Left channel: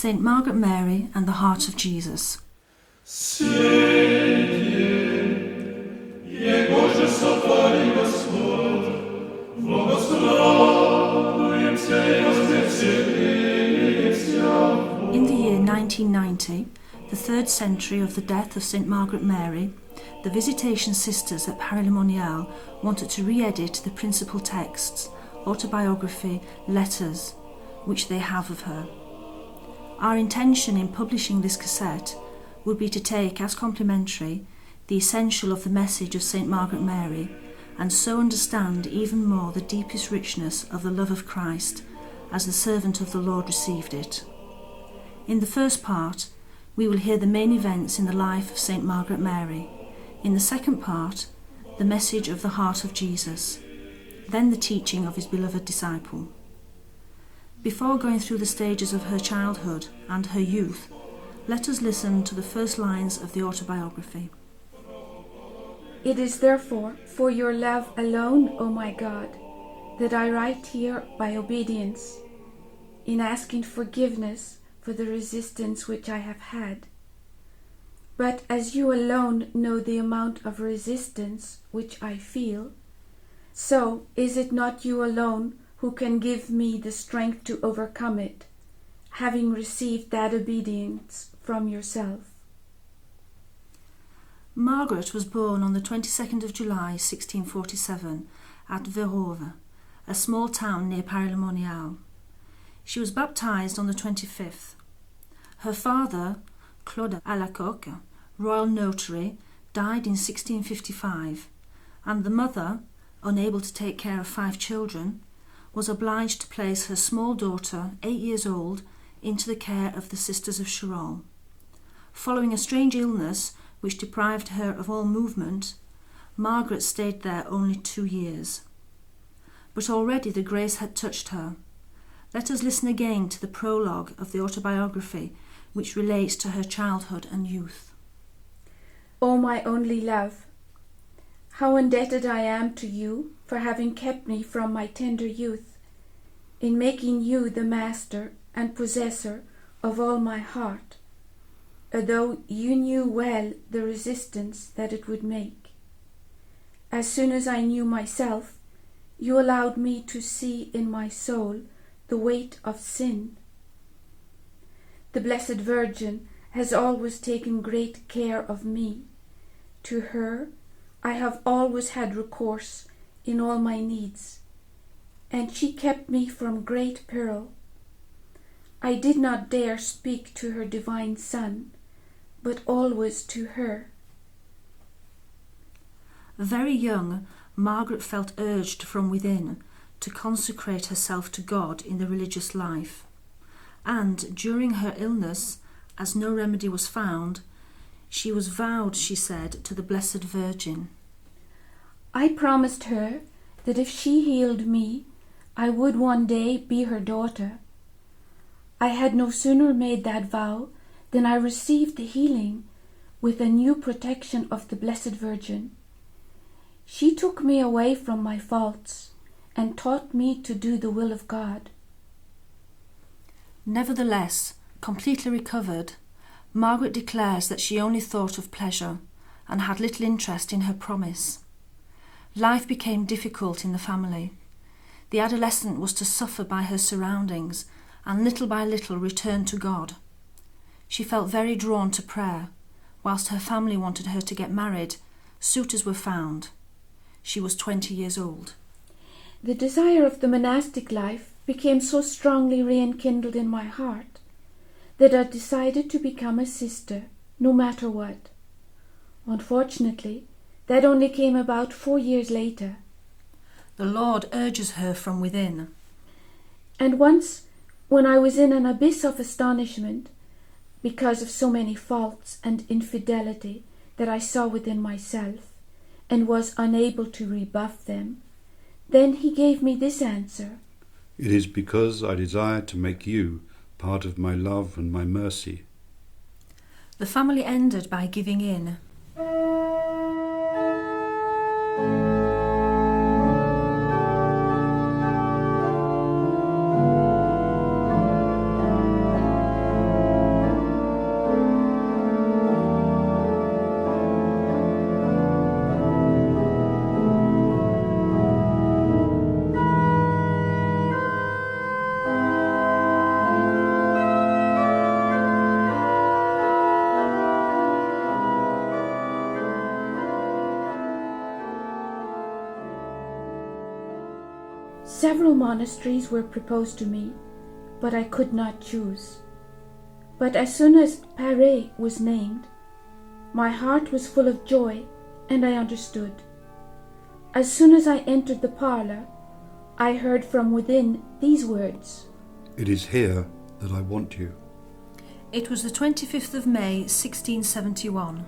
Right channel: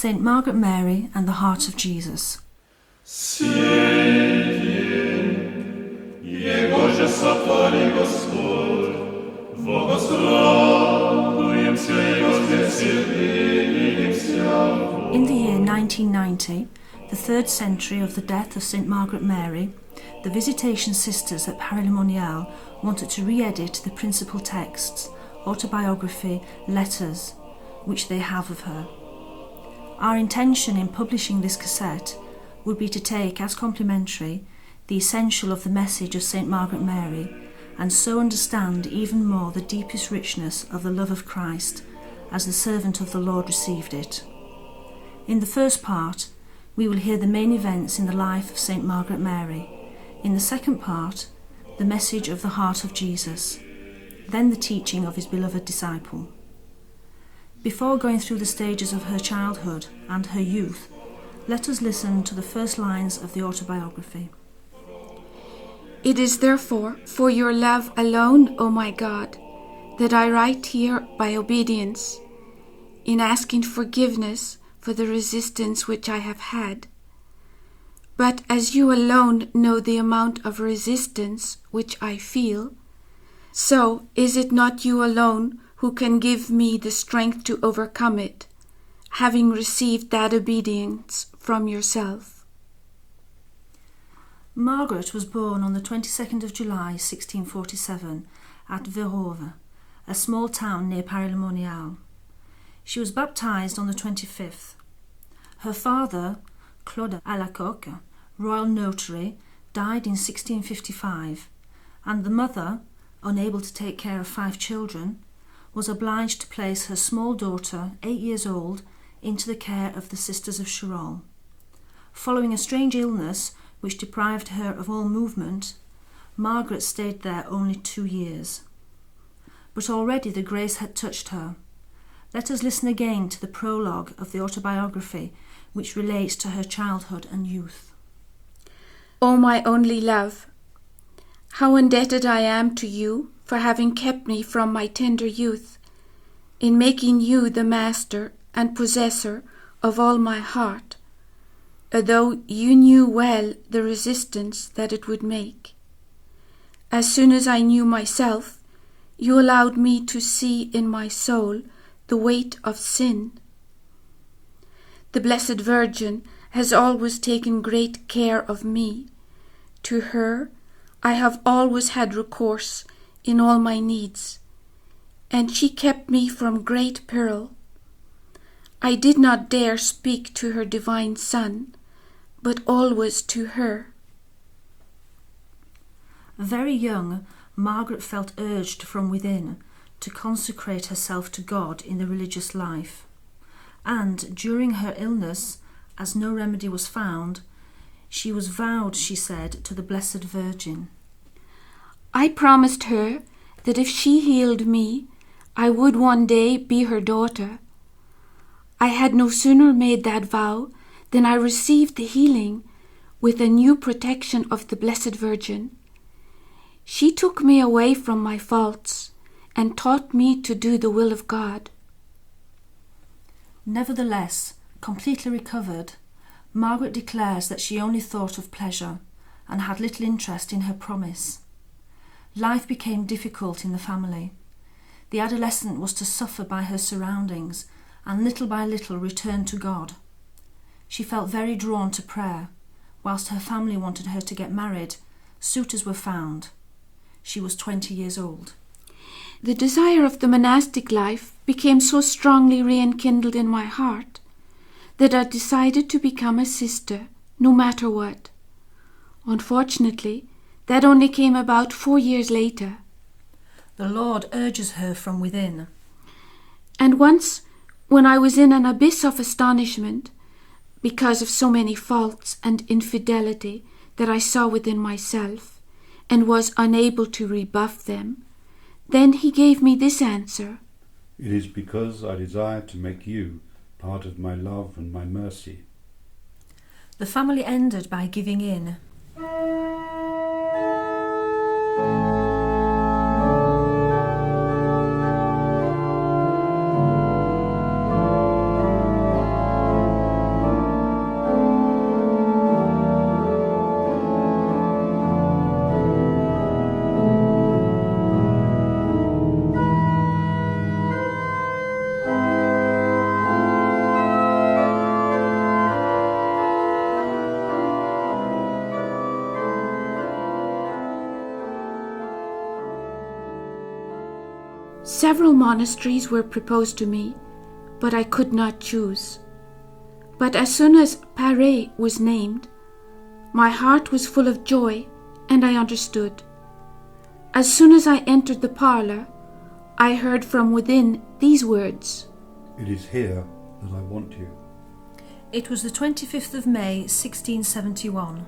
Saint Margaret Mary and the Heart of Jesus. Jego sotворил Господь, благословуемся и возвеселимся. In the year 1990, the 3rd century of the death of Saint Margaret Mary, the Visitation Sisters at Paray Monial wanted to re-edit the principal texts, autobiography, letters, which they have of her. Our intention in publishing this cassette would be to take as complementary the essential of the message of St. Margaret Mary, and so understand even more the deepest richness of the love of Christ as the servant of the Lord received it. In the first part, we will hear the main events in the life of St. Margaret Mary. In the second part, the message of the heart of Jesus, then the teaching of his beloved disciple. Before going through the stages of her childhood and her youth, let us listen to the first lines of the autobiography. It is therefore for your love alone, O my God, that I write here by obedience, in asking forgiveness for the resistance which I have had. But as you alone know the amount of resistance which I feel, so is it not you alone who can give me the strength to overcome it, having received that obedience from yourself. Margaret was born on the 22nd of July 1647 at Verove, a small town near Paray Monial. She was baptized on the 25th. Her father, Claude Alacoque, royal notary, died in 1655, and the mother, unable to take care of 5 children, was obliged to place her small daughter, 8 years old, into the care of the Sisters of Charolles. Following a strange illness which deprived her of all movement, Margaret stayed there only 2 years. But already the grace had touched her. Let us listen again to the prologue of the autobiography, which relates to her childhood and youth. O my only love, how indebted I am to you for having kept me from my tender youth, in making you the master and possessor of all my heart, although you knew well the resistance that it would make. As soon as I knew myself, you allowed me to see in my soul the weight of sin. The Blessed Virgin has always taken great care of me. To her I have always had recourse in all my needs, and she kept me from great peril. I did not dare speak to her divine Son, but always to her. Very young, Margaret felt urged from within to consecrate herself to God in the religious life, and during her illness, as no remedy was found, she was vowed, she said, to the Blessed Virgin. I promised her that if she healed me, I would one day be her daughter. I had no sooner made that vow than I received the healing with a new protection of the Blessed Virgin. She took me away from my faults and taught me to do the will of God. Nevertheless, completely recovered, Margaret declares that she only thought of pleasure and had little interest in her promise. Life became difficult in the family. The adolescent was to suffer by her surroundings and little by little return to God. She felt very drawn to prayer. Whilst her family wanted her to get married, suitors were found. She was 20 years old. The desire of the monastic life became so strongly re-enkindled in my heart that I decided to become a sister, no matter what. Unfortunately, that only came about 4 years later. The Lord urges her from within. And once, when I was in an abyss of astonishment, because of so many faults and infidelity that I saw within myself, and was unable to rebuff them, then he gave me this answer. It is because I desire to make you part of my love and my mercy. The family ended by giving in. Several monasteries were proposed to me, but I could not choose. But as soon as Paray was named, my heart was full of joy, and I understood. As soon as I entered the parlour, I heard from within these words, It is here that I want you. It was the 25th of May, 1671.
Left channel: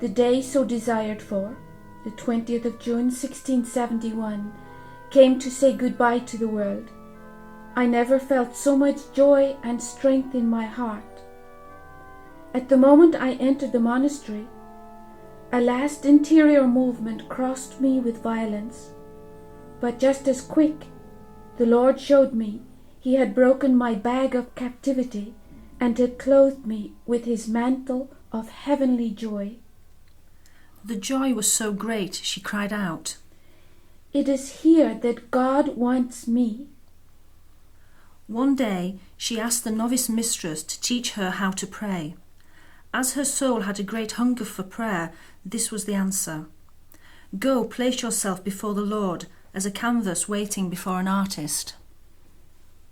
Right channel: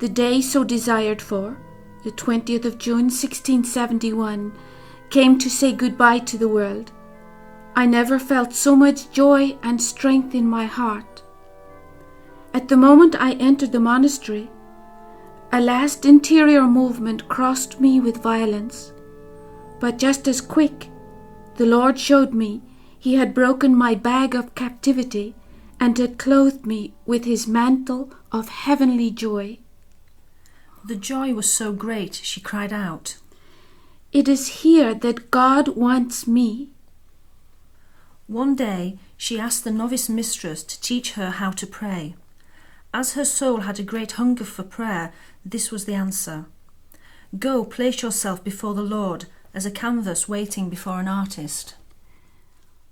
the day so desired for, the 20th of June 1671, came to say goodbye to the world. I never felt so much joy and strength in my heart. At the moment I entered the monastery, a last interior movement crossed me with violence. But just as quick, the Lord showed me He had broken my bag of captivity and had clothed me with His mantle of heavenly joy. The joy was so great, she cried out, It is here that God wants me. One day she asked the novice mistress to teach her how to pray. As her soul had a great hunger for prayer, this was the answer. Go, place yourself before the Lord as a canvas waiting before an artist.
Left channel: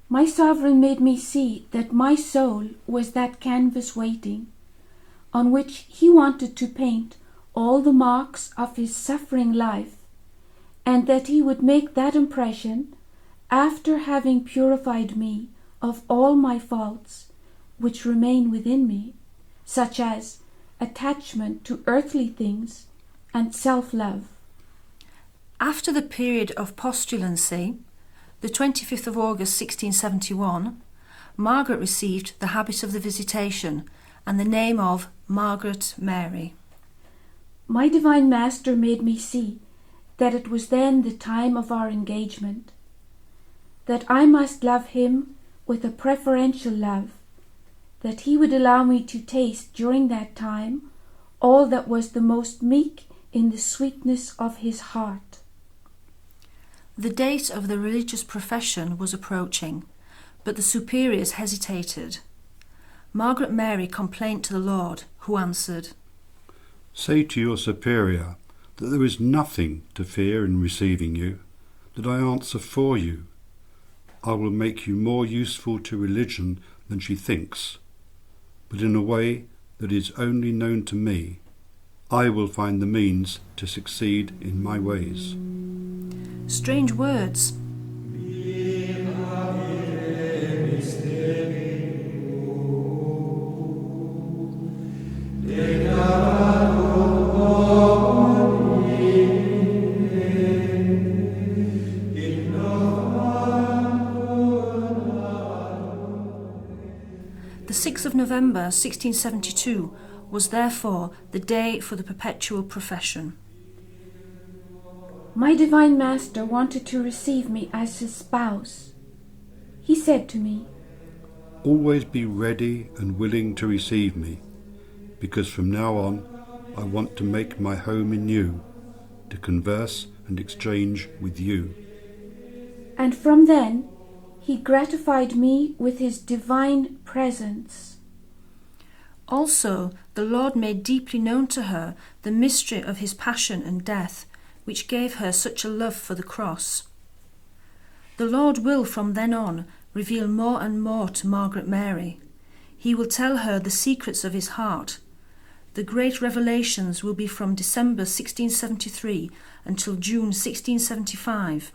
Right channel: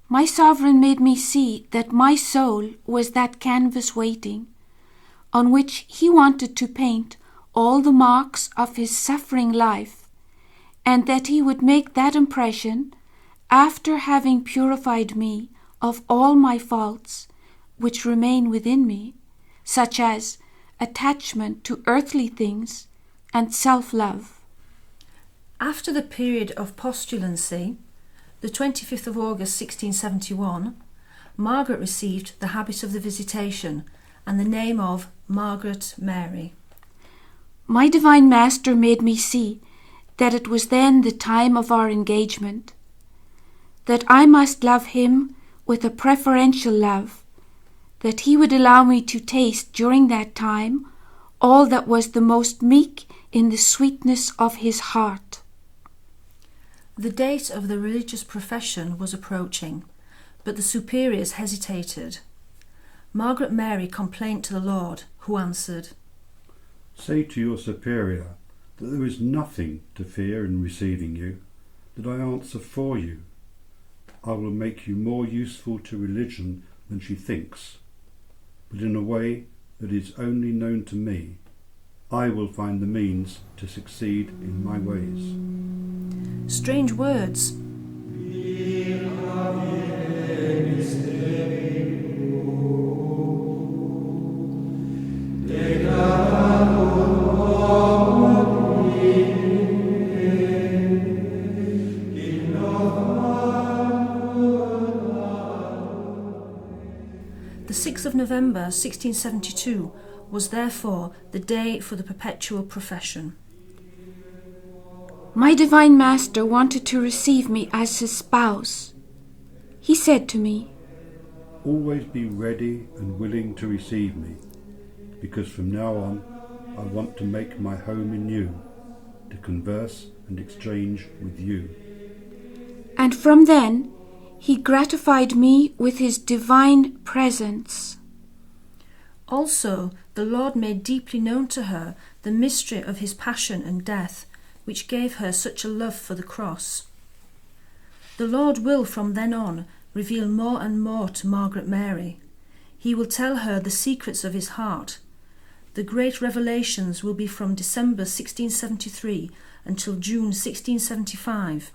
My sovereign made me see that my soul was that canvas waiting, on which He wanted to paint all the marks of His suffering life, and that He would make that impression after having purified me of all my faults which remain within me, such as attachment to earthly things and self-love. After the period of postulancy, the 25th of August 1671, Margaret received the habit of the Visitation and the name of Margaret Mary. My Divine Master made me see that it was then the time of our engagement, that I must love Him with a preferential love, that He would allow me to taste during that time all that was the most meek in the sweetness of His heart. The date of the religious profession was approaching, but the superiors hesitated. Margaret Mary complained to the Lord, who answered, Say to your superior that there is nothing to fear in receiving you, that I answer for you. I will make you more useful to religion than she thinks, but in a way that is only known to me. I will find the means to succeed in my ways. Strange words. The 6th of November 1672 was therefore the day for the perpetual profession. My Divine Master wanted to receive me as His spouse. He said to me, Always be ready and willing to receive me, because from now on I want to make my home in you, to converse and exchange with you. and from then He gratified me with His divine presence. Also, the Lord made deeply known to her the mystery of His passion and death, which gave her such a love for the cross. The Lord will from then on reveal more and more to Margaret Mary. He will tell her the secrets of His heart. The great revelations will be from December 1673 until June 1675,